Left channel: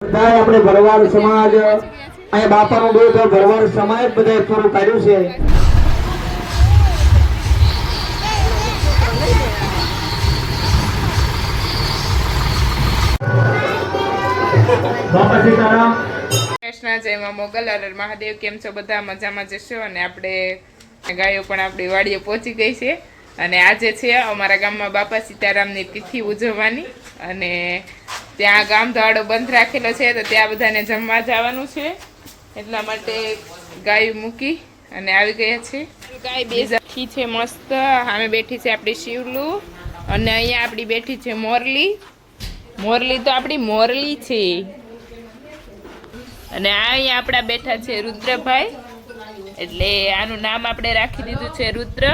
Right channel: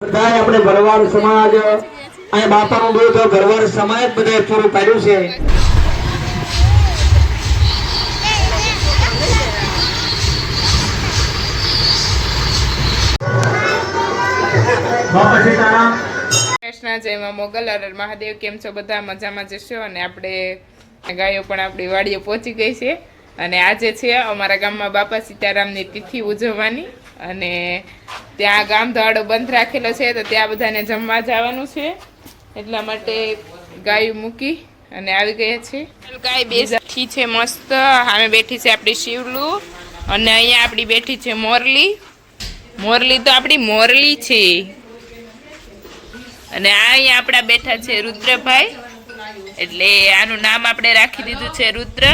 બધાય આપણે ભરવાડ સમાજ અહીંયા બાપાનું દૂધ ભરવાડ સમાજ બધાએ પૂરું પાડ્યું છે. કૃષ્ણ જયમાં મોગલ અરર મહાદેવ કેમ છો? બધા મજામાં જશો અને આપણે ગાયો પણ આપણી વાડીએ પહોંચી ગઈ છે. અને આજે છે અમારા ગામમાં બાપા સીતારામની તિથિ ઉજવવાની. અને ત્યાં ગામ દહાડો બંધ રાખેલો છે, તો ત્યાં બધાને જમવા જવાનું છે. એટલા માટે ગાયું મૂકી અને આવી ગયા છે ગાય બે બેઠી છે મસ્ત. સામે બેઠી છે આપણી શિવલું. અને અહીંયા આપણી બેઠી છે મોરલી. મોરલી તો આપણી મોરલી છે. અને આ અહીંયા આપણા બેઠા છે રુદ્રભાઈ. એટલે આનું નામ આપણે રાખી દીધું છે રુદ્ર.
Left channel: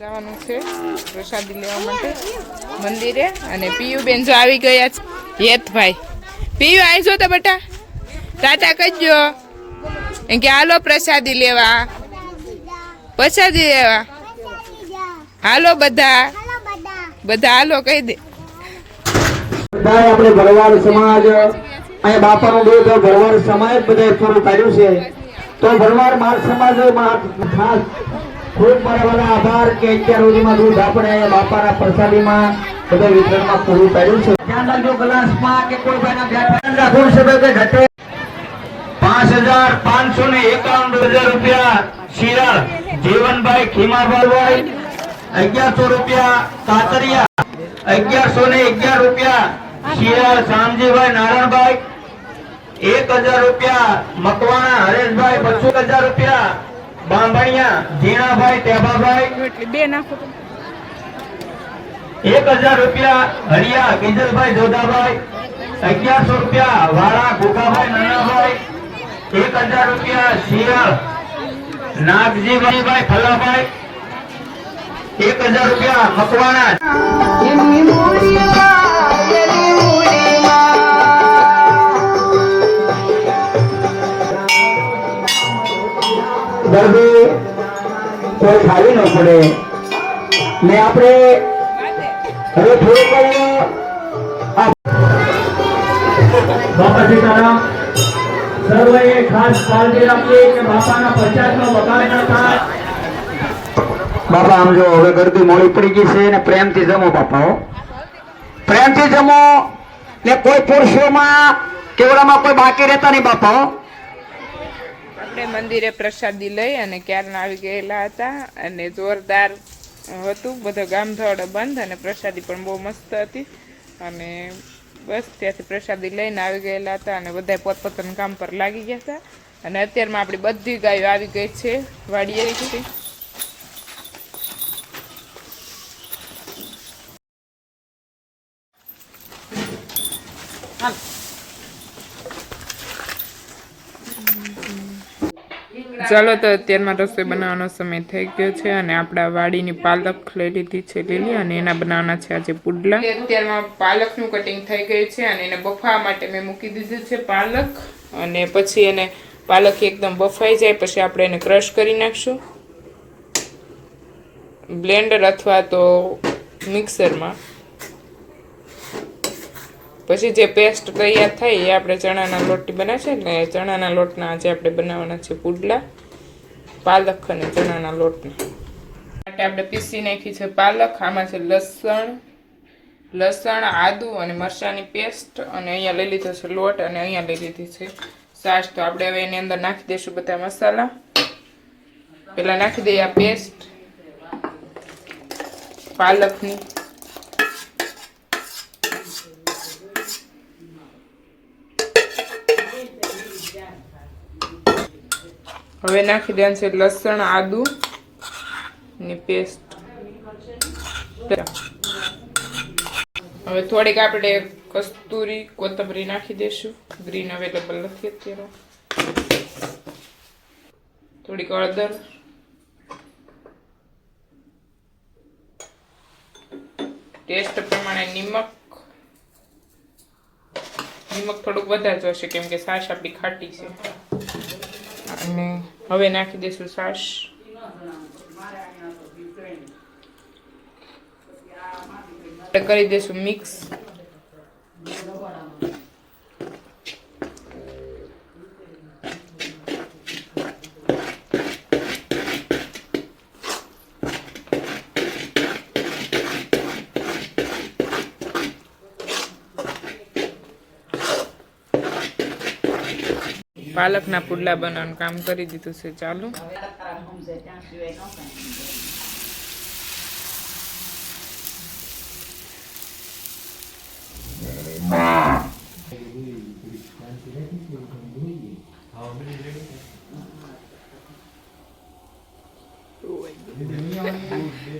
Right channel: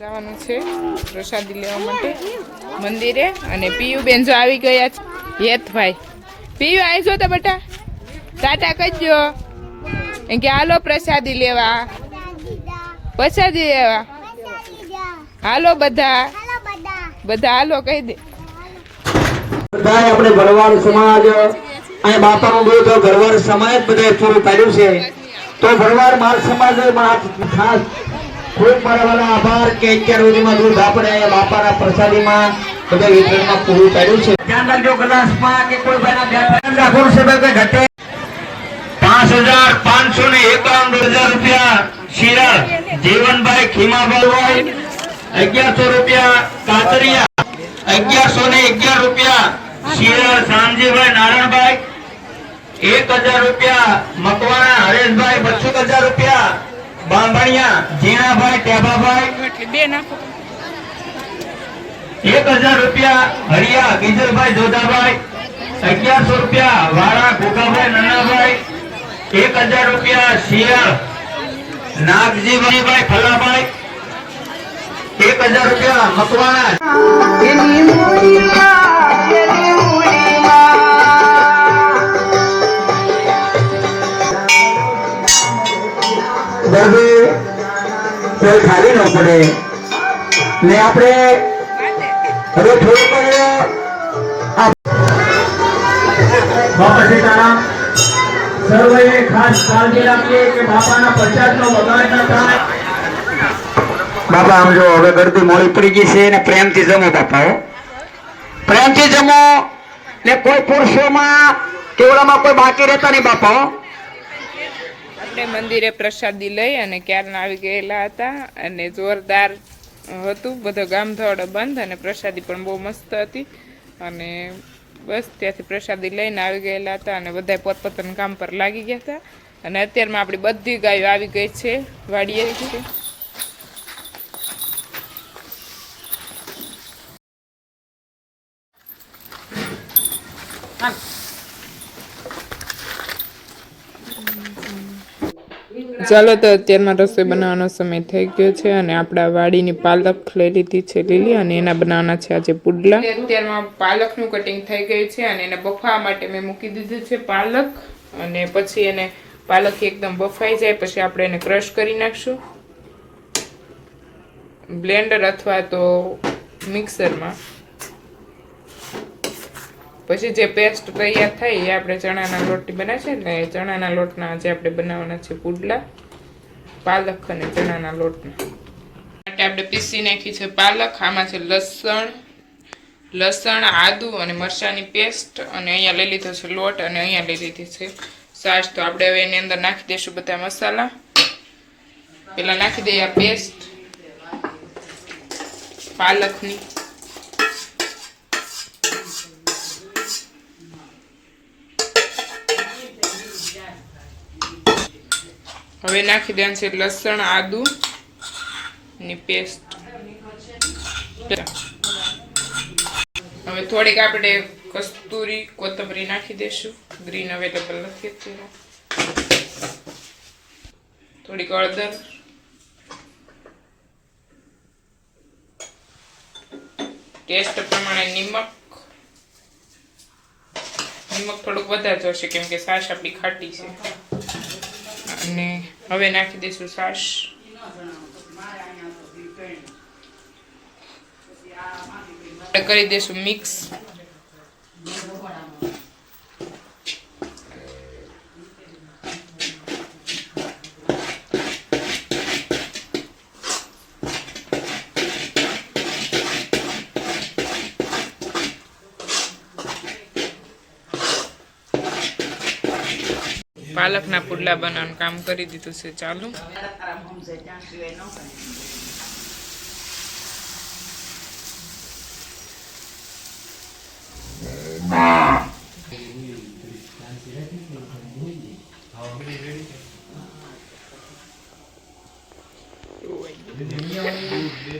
જવાનું છે પ્રસાદી લેવા માટે મંદિરે અને પિયુબેન જો આવી ગયા છે. હેતભાઈ પિયુ આવીશો તો બેટા? ટાટા કરજો. એમ કે હાલો પ્રસાદી લેવા. પ્રસાદી લેવા. હાલો બધા. બધા હાલો કહી દે. આપણે ભરવાડ સમાજ, અહીંયા બાપાનું બોલ ભરવાડ સમાજ બધા પૂરું પાડ્યું છે. તો ભરવાડ માર સમાજ ખાસ ખૂબ મારા આભાર કે અત્યાર સુધીમાં દૂધ આપણે બાપાના પ્રસાદીમાં બધા વિતરણમાં પૂરું પાડ્યું છે. ધ્યાન રાખજો ગ્લાસમાં કે કોઈ ભાઈના ધ્યાન રાખો. સદા કે ઘટે. પાંચ હજાર પાંચસો ને એકાવન હજાર રૂપિયા શિરાળ જીવનભાઈ ખીમાભાઈ અગિયારસો રૂપિયા કાતરિયા અગિયારસો ને અગિયાર રૂપિયા શિરાળ શામજીભાઈ નારાયણભાઈ એક હજાર રૂપિયા મકવાણા હરેશભાઈ બસો હજાર રૂપિયા બાંભણિયા જીણાભાઈ ટેભાભાઈ બે નાખો એક હજાર રૂપિયા હરિયા બીજલભાઈ જોધાભાઈ અગિયારસો રૂપિયા વાળા ભૂખાભાઈ નાનાભાઈ. એક હજાર રૂપિયા શિયાળ નાગજીભાઈ ફલાભાઈ એક હજાર રૂપિયા મકવાના કોઈ ખાલી ન પડે. ને આપણે હવે થોડુંક આ બાપા સર્વે ખાસ કાળજી રાખીએ કે બાપાના પ્રચારનો બગાડ ન થાય બાપા આમ જો હવે ગરદી મોડી પડી ગઈ છે ને પ્રેમથી જમો બાપા હો. પ્રેમથી જમો ને કોઈ પુરુષોમાં કેવડામાં કોઈ બાકી રહેતા નહીં બાપા આપણે મંદિરે પ્રસાદી લઈ અને ક્યારના આવી ગયેલા હતા અને જોરદાર હતું. બધો ગામધોડ બંધ અને પ્રસાદી પણ બહુ મસ્ત હતી. અને બસ ત્યાંથી પ્રસાદી લઈને આવી ગયેલા હતા અને બધા પોતપોતાના કામ પર લાગી ગયા હતા. અને અત્યારમાં આપણી બધી ગાયો આવી ગઈ છે વાડીએ છે ચાલો તો અત્યારમાં રસોઈ બનાવવાનો સમય થઈ ગયો છે અને આપણા વાડીની પાલક લઈ લીધી છે લીલી અને એના બનાવવાના છે આજે પુડલા. અત્યારમાં પાલકનું કટિંગ થઈ ગયું છે અને એને બફાવા માટે મેં મૂકી દીધું છે પાલક. અને પછી એને પાલક એકદમ બફાઈ જાય, પછી આપણે એને ક્રશ કરી નાખશું. બ્લેન્ડર અથવા તો મિક્સરમાં પછી જે પેસ્ટ તૈયાર થાય એ આપણે ચણાના લોટથી બનાવશે ને ચણાના લોટના આજે આપણે બનાવવાના છે પુડલા. પાલક અને ચણાના લોટના. માટે આપણે પીસી નાખી છે પાલક, આમાં છે લસણ લસણ, આદુ અને મરચાંની પેસ્ટ અને અહીંયા લઈ લીધો છે લોટ અને અહીંયા લઈ લીધી છે સાસ. તો આપણે હવે એની અંદર નાખી દઈશું બધા મસાલા. પહેલાં નાખી દઈએ આ પેસ્ટ પાલકની. હવે નાખી દેવાનું છે લસણ, આદુ ની પેસ્ટ હવે થોડીક આપણે કસ્તુરી, કોથમરી નાખી દેશું ગ્રીન અવેલેબલ નથી અત્યારે. થોડીક હળદર. ટેસ્ટ પ્રમાણે નિમક. નિમક થોડુંક વધારે જોશે કેમ કે છાશ આપણી ખાટી છે. અને હવે નાખી દઈશું છાશ. કરી દઈશું મિક્સ. પાલકના પુડલા બનાવવાનું કામ કરી દીધું છે ચાલુ.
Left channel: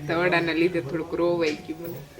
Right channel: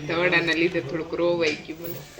તવડાના લીધે થોડુંક રોવાઈ ગયું કાંઈ